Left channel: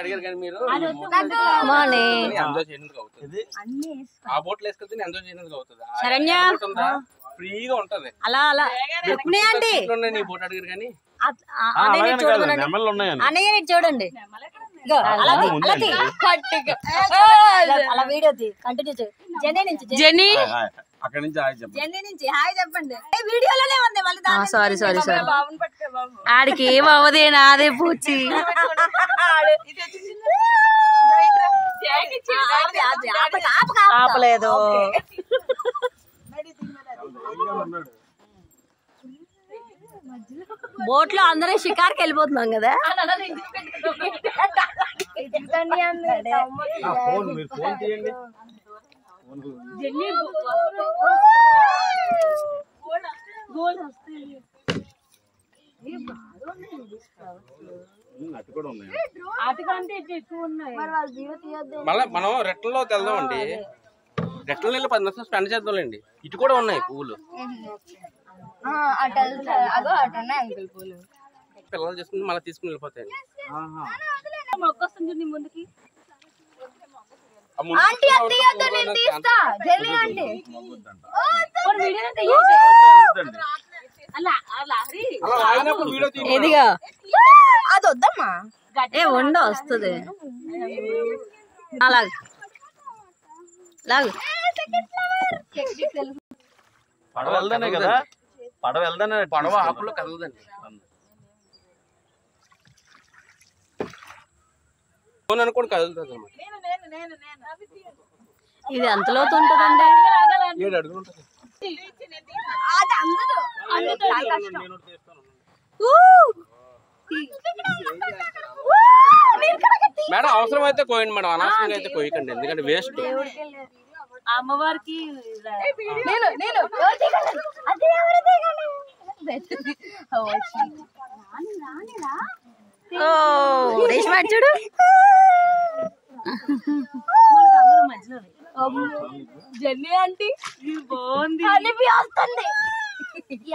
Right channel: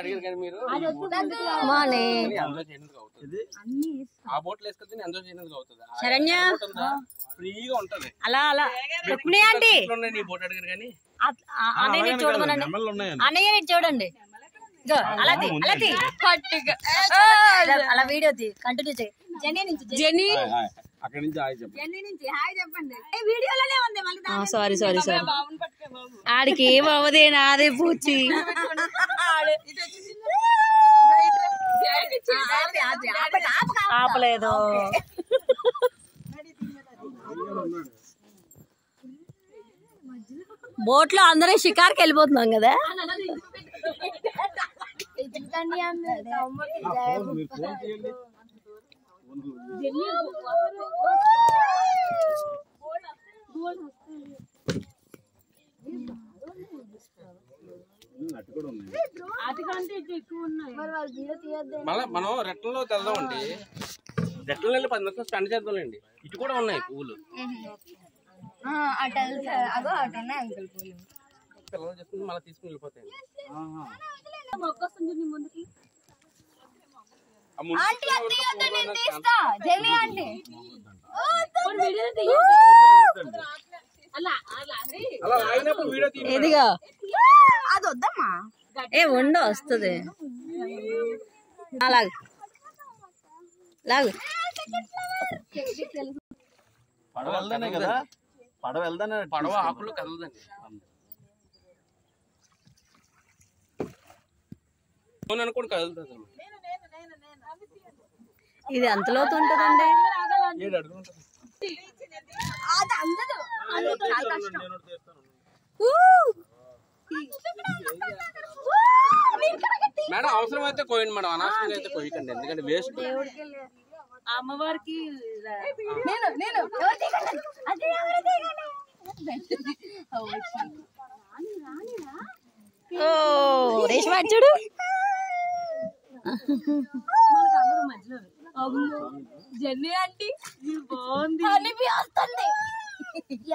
అడిగారు కానీ మీరు ఆ బోట్లు వేసుకెళ్తే ఎంజాయ్ చేయడానికి అవుతుంది. ఫ్రీగా ఉంటది. అలా అలా నీ బోట్ అడిగారు కానీ అన్నయ్య చూడండి అలా వీడియో కంటిన్యూ చేయి. జెన్నీ అక్కడి నుంచి జెన్నీ నుంచి హాయ్ చెప్పండి. వీడియోలోనే ఉంది మళ్ళీ. సారీ సారీ సారీ ఆడికి ఏం అవ్వదే నాదే పూచి. ఆపలేదు. బోట్ లో అందరూ షికార్కి వెళ్ళిపోతున్నాం కదా. మళ్ళా మనం రెట్టల్లోకి వెళ్దామండి. రెట్టలు వెళ్ళి 10 నిమిషాలు స్పెండ్ చేద్దాంలేండి. ఇటు కూడా ఉన్నాయి పువ్వులు. పిల్లలు చేసుకుని మళ్ళీ తీసుకుని వెళ్ళిపోతాయి. ఇదిగా అది వద్దమ్మా. ఏ వండ వస్తుంది. అలాగే పడవ వెళ్దానే కదా. పడవ వెళ్దానే. పడవ ఆకుల్లో కదలదండి. ఫోన్ అనుకోండి కదులుతుంది అన్నమాట. ఇది ఎంత లోతు ఉంటుందండి? 7 అడుగులు ఉంటుంది. మేడం అవసరమైతే కోయండి మేడం, అనవసరంగా అయితే కోయకండి, ఎందుకంటే వేస్ట్. అమ్మవారికి చూడు జెన్నీ ఆంటీ బాగుంది.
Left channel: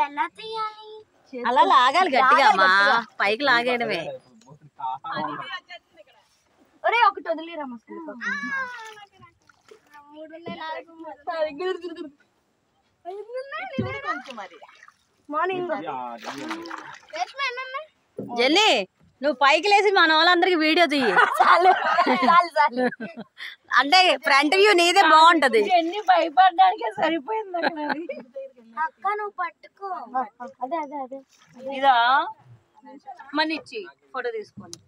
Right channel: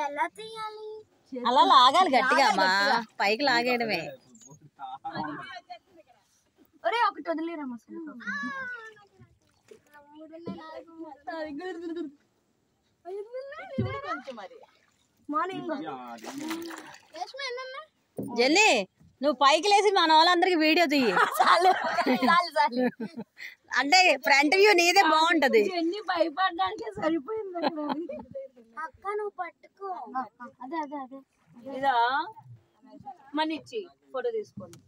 ఎలా తీయాలి? అలా లాగాలి గట్టిగా అమ్మా, పైకి లాగేయడమే. ఒరే ఒకటి వదిలేరమ్మా. జెన్నీ నువ్వు పైకి లేసి మన వాళ్ళందరికి వీడియో తీయి. అంటే ఫ్రంట్ వ్యూ నీదే బాగుంటది. జెన్నీ భయపడడానికే సరిపోయింది అక్క. నువ్వు పట్టుకో. అదే అదే అదే ఇదా మన ఇచ్చి ఫోటో తీసుకోండి.